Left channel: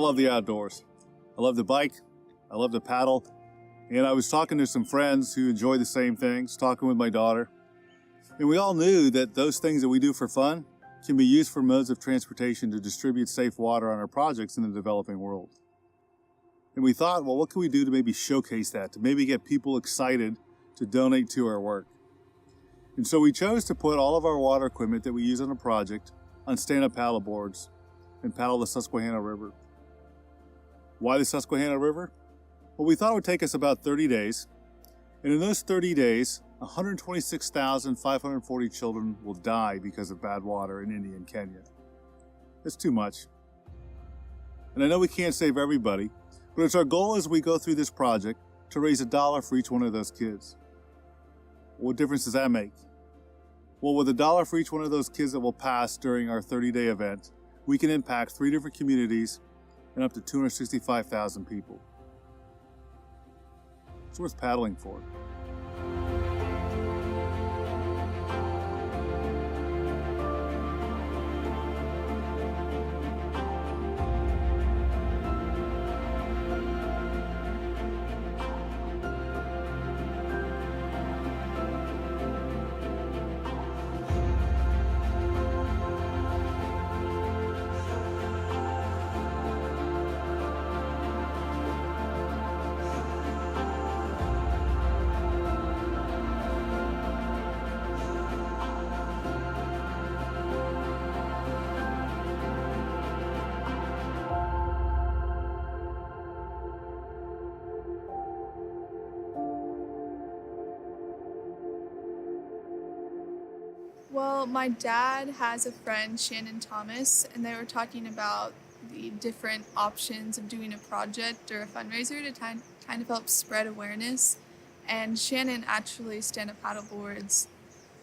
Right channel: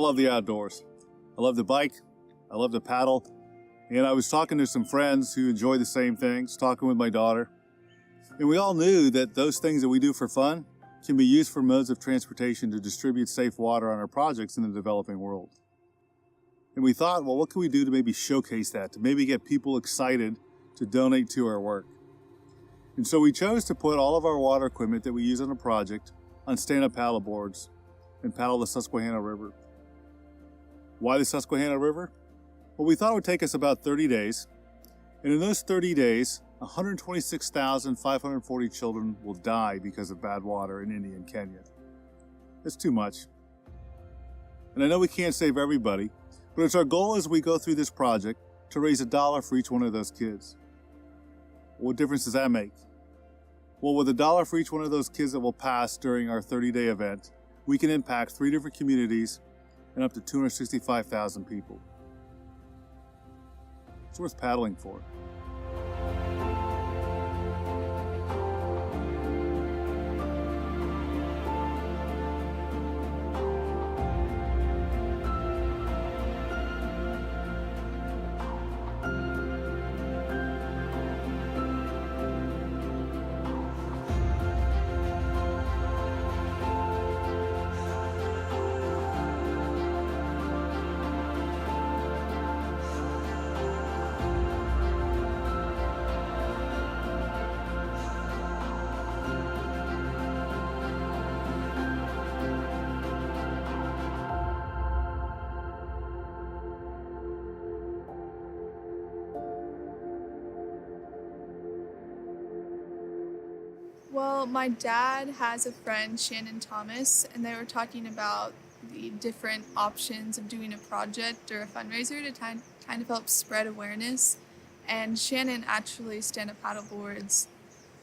love the outdoors. I love to bike. I love to paddle. And I was talking to some friends who enjoy the same things, talking with my daughter. And we all knew that those things that we do for fun can be used for modes of transportation to distribute safe water on our projects in the developing world. And we thought, well, what can we do to maybe showcase that, to maybe get people excited to donate to our work? And so we chose to put all of our water equipment that we use on a project on stand-up paddle boards and paddle the Susquehanna River. Why the Susquehanna River? Well, we thought it would take us about 30 days. And in those 30 days, 126,540 children will die because of bad water in India and Kenya. It's too much. And I know we can't save everybody, but it's our goal as we go through this project to raise $1 for each one of those kids. What difference does that make? Well, with $1 for each one of those kids that will pass during our 30-day event, we can impact 3 different communities and up to 265,000 people. It's worth paddling for. Well, my dad has a friend, Shannon Thomas, and they were talking about the different options of doing a project or a fundraiser to kind of help spread awareness. And Shannon actually stand-up paddle boards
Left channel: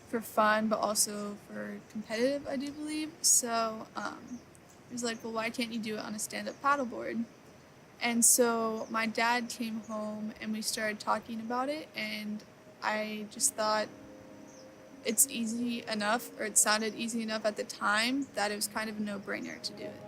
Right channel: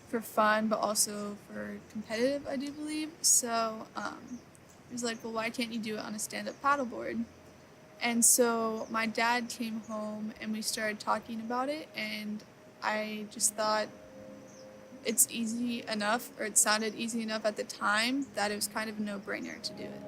for fun, but also for competitive, I do believe. So he was like, well, why can't you do it on a stand-up paddleboard? And so my dad came home and we started talking about it, and I just thought it's easy enough, or it sounded easy enough at the time, that it was kind of a no-brainer to do it.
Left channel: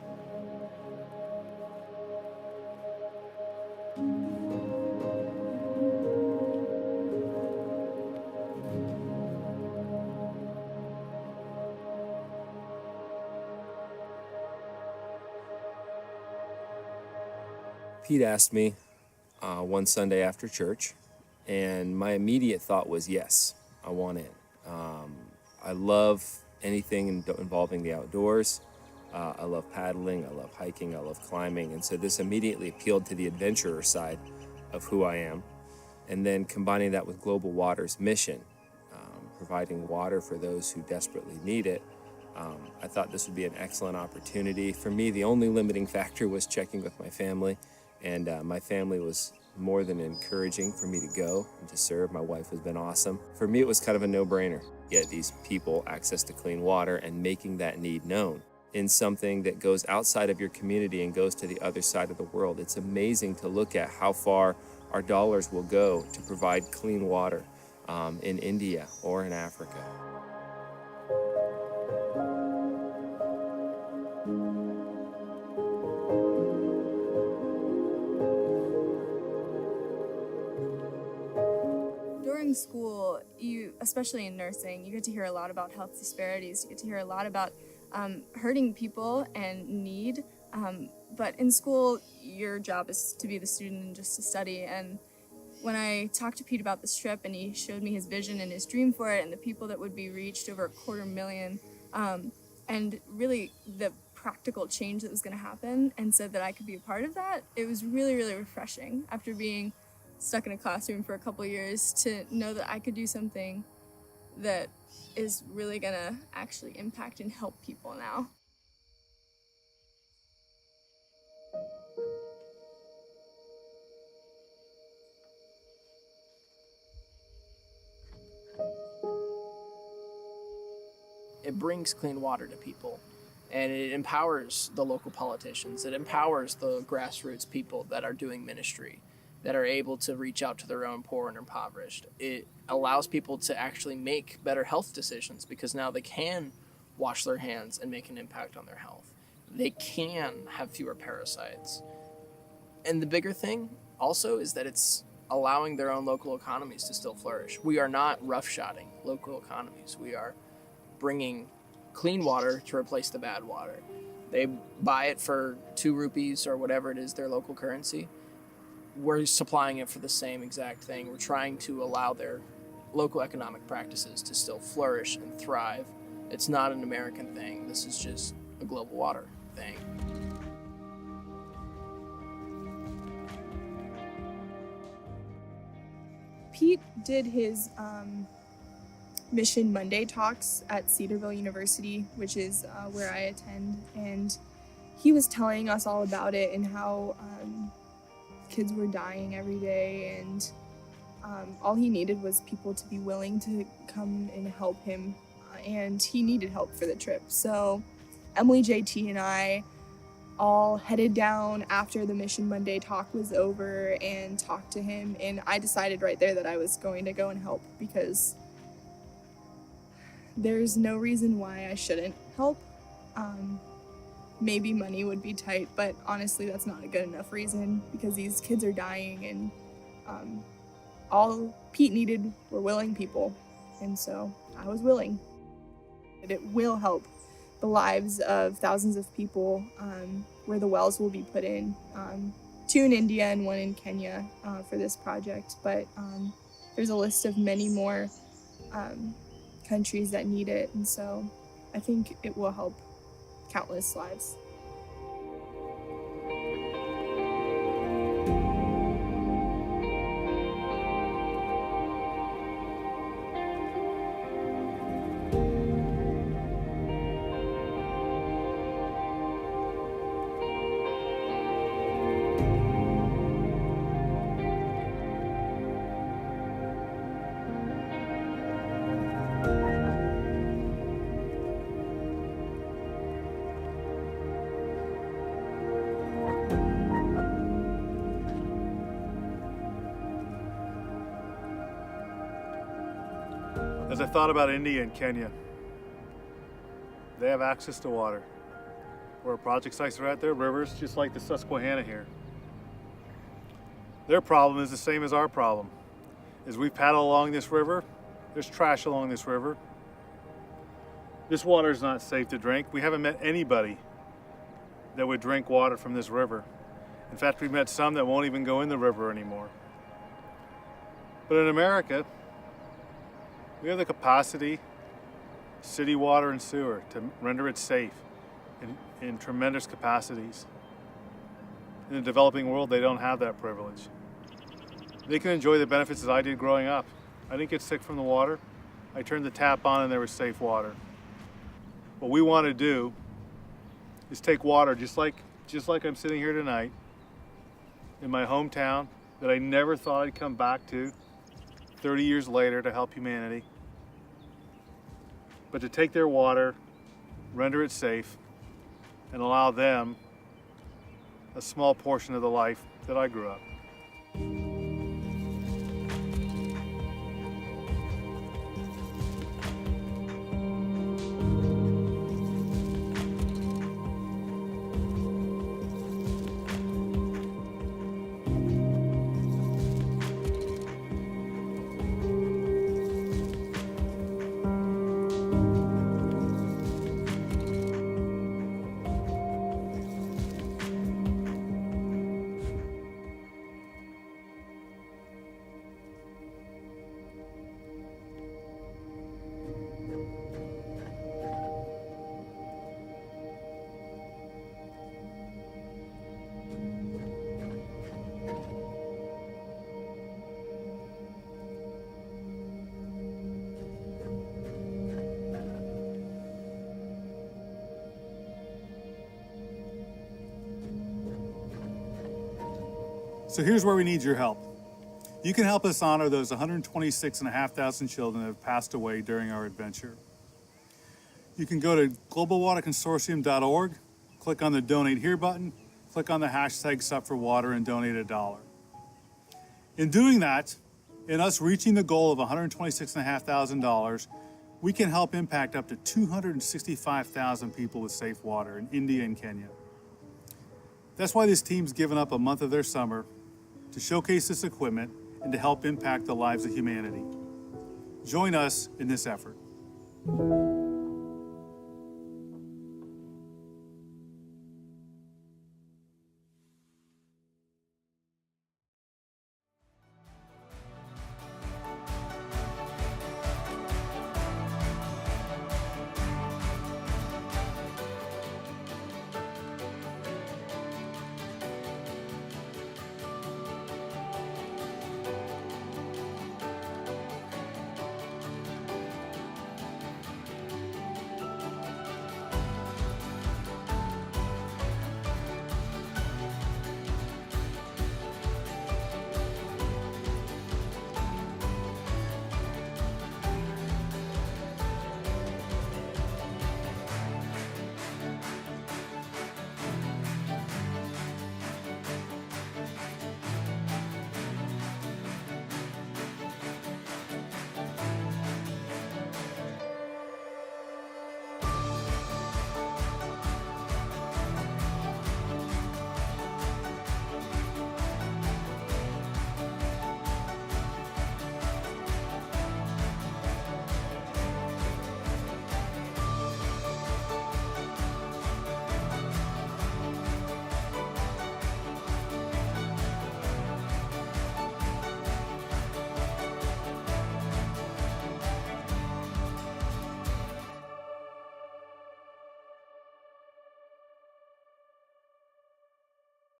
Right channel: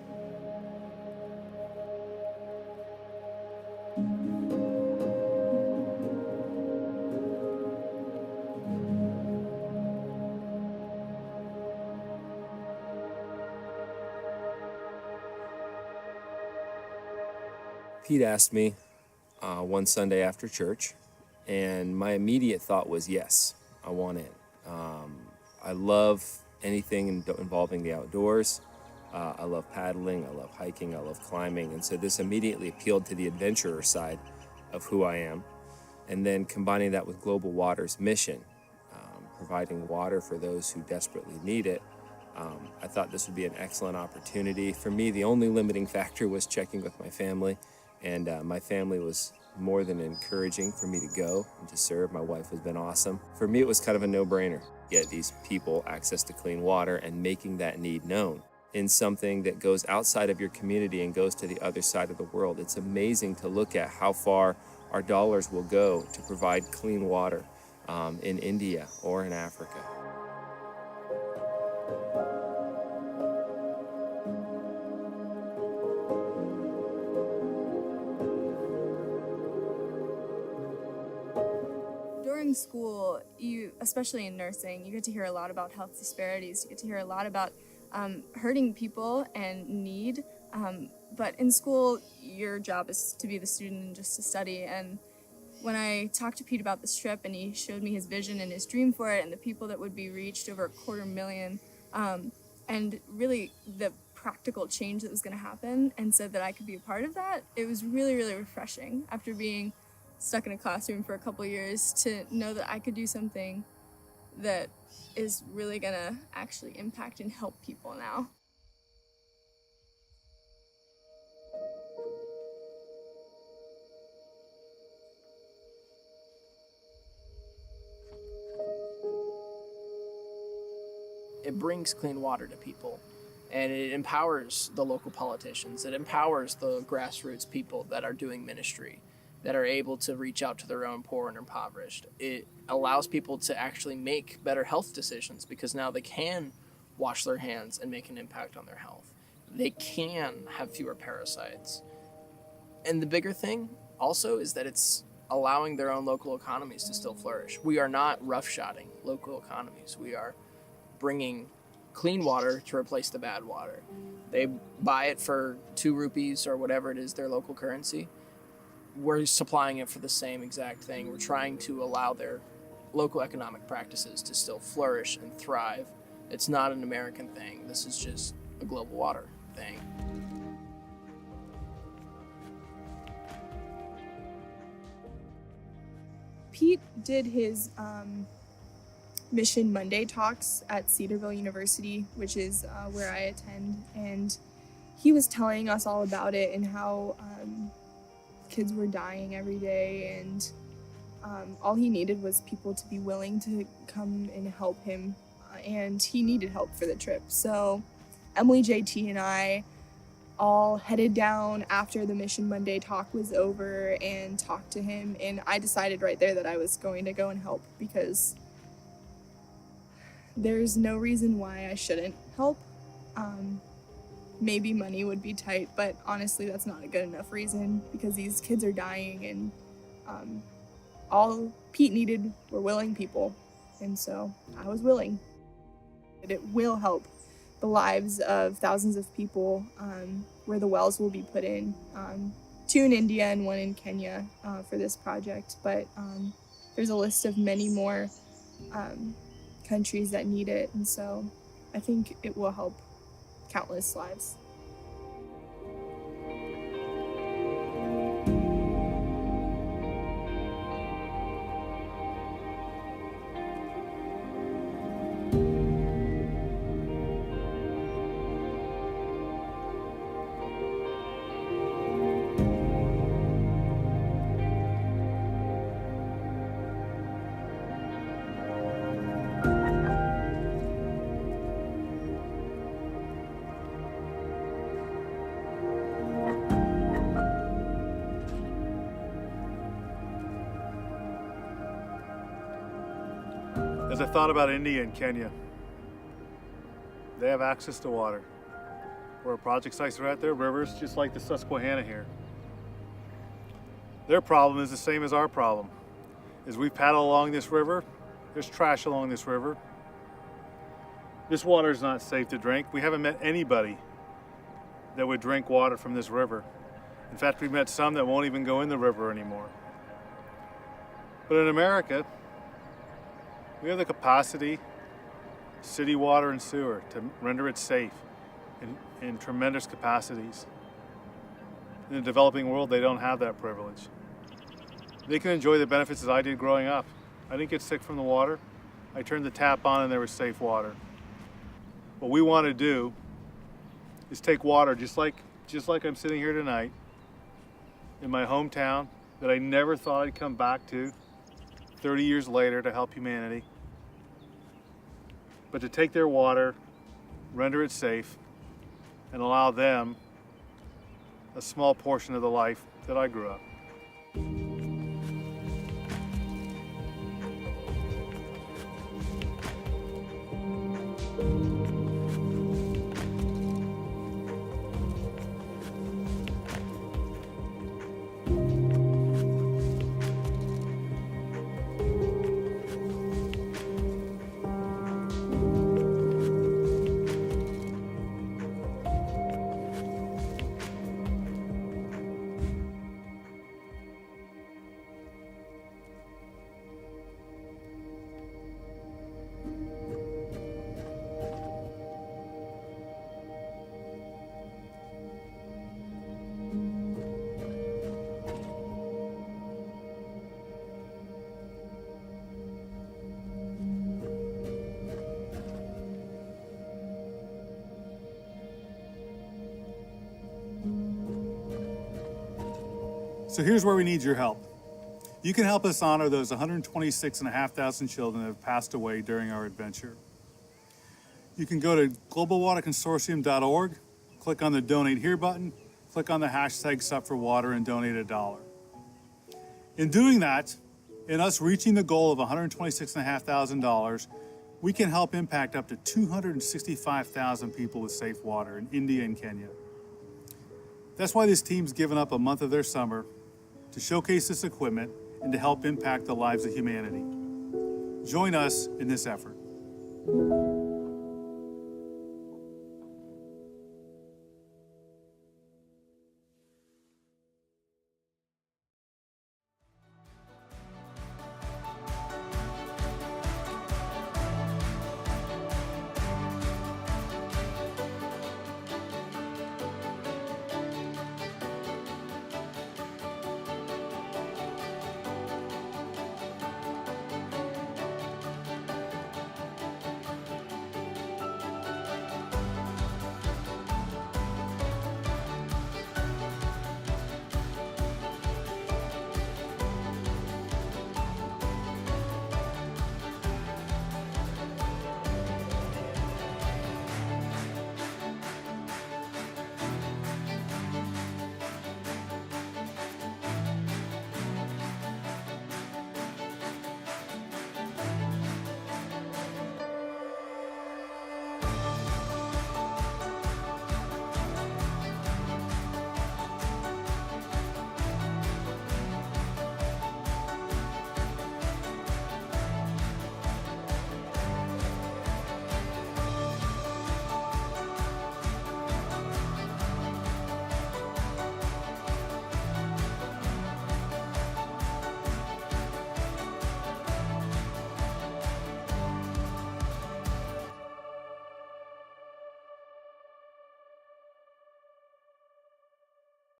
Pete asked me one Sunday after church, and my immediate thought was, yes, I want in. I love anything involving the outdoors. I love paddling, I love hiking, I love climbing, and so this immediately appealed to the adventurer side of who I am. And then combining that with Global Water's mission, providing water for those who desperately need it, I thought this would be an excellent opportunity. For me, the only limiting factor was checking with my family, and my family was more than encouraging for me to go and to serve. My wife has been awesome. For me, it was kind of a no-brainer. Get these people access to clean water and making that need known in something that goes outside of your community and goes to the other side of the world. It's amazing to look at how far our dollars will go to provide clean water in India or in Africa. During school, especially in nursing, you get to hear a lot about health disparities. You get to hear a lot about hurting people and need. But in school, your job is to be the student and just to study. And when I talked to Pete about this trip and he showed me his vision and his dream for it and the people that would be reached, over 250,000, and really the practical change that was going to happen, and said that I could be a part of that, it was really, really refreshing after being stuck in a classroom for a couple years to know that I could do something that is really going to actually impact and help people now. It brings clean water to people, and it empowers the local politicians. It empowers the grassroots people that are doing ministry, that are able to reach out to their own poor and impoverished. It allows people to actually make better health decisions because now they can wash their hands and make an impact on their health. they can have fewer parasites. And the bigger thing also is that it's allowing their own local economies to still flourish. We are not roughshotting local economies. We are bringing clean water to replace the bad water. They buy it for 2 rupees or whatever it is, their local currency. We're supplying it for the same exact thing. We're trying to allow their local economic practices to still flourish and thrive. It's not an American thing. This is just a global water thing. Pete did his Mission Monday talks at Cedarville University, which is where I attend, and he was telling us all about it and how kids were dying every day, and all he needed was people to be willing to come and help him, and he needed help for the trip. So Emily, JT, and I all headed down after the Mission Monday talk was over and talked to him, and I decided right there that I was going to go and help, because there's no reason why I shouldn't help. Maybe money would be tight, but honestly that's not a good enough reason, because these kids are dying, and all Pete needed were willing people, and so I was willing. It will help the lives of thousands of people, where the wells will be put in, 2 in India and 1 in Kenya for this project, but there's a list of many more countries that need it, and so I think it will help countless lives. As I thought about India and Kenya, they have access to water. Where project sites are at, their rivers, just like the Susquehanna here. Their problem is the same as our problem. As we paddle along this river, there's trash along this river. This water is not safe to drink. We haven't met anybody that would drink water from this river. In fact, we've met some that won't even go in the river anymore. But in America, we have the capacity, city water and sewer, to render it safe in tremendous capacities. In the developing world, they don't have that privilege. They can enjoy the benefits as I did growing up. I didn't get sick from the water. I turned the tap on and there was safe water. What we want to do is take water, just like I'm sitting here tonight, in my hometown that I never thought I'd come back to 30 years later to help humanity, but to take their water, render it safe, and allow them a small portion of the life that I grew up. So here's where we need your help. You can help us honor those 126,500 children that have passed away during our adventure. You can go to globalwaterconsortium.org, click on the Donate Here button, click on the hashtag SUP4Water and donate $1. In doing that, in us reaching the goal of $126,500, we can help impact up to 265,000 people with safe water in India and Kenya. That's why this team's given up a month of their summer to showcase this equipment and to help impact the lives of humanity. Join us in this effort.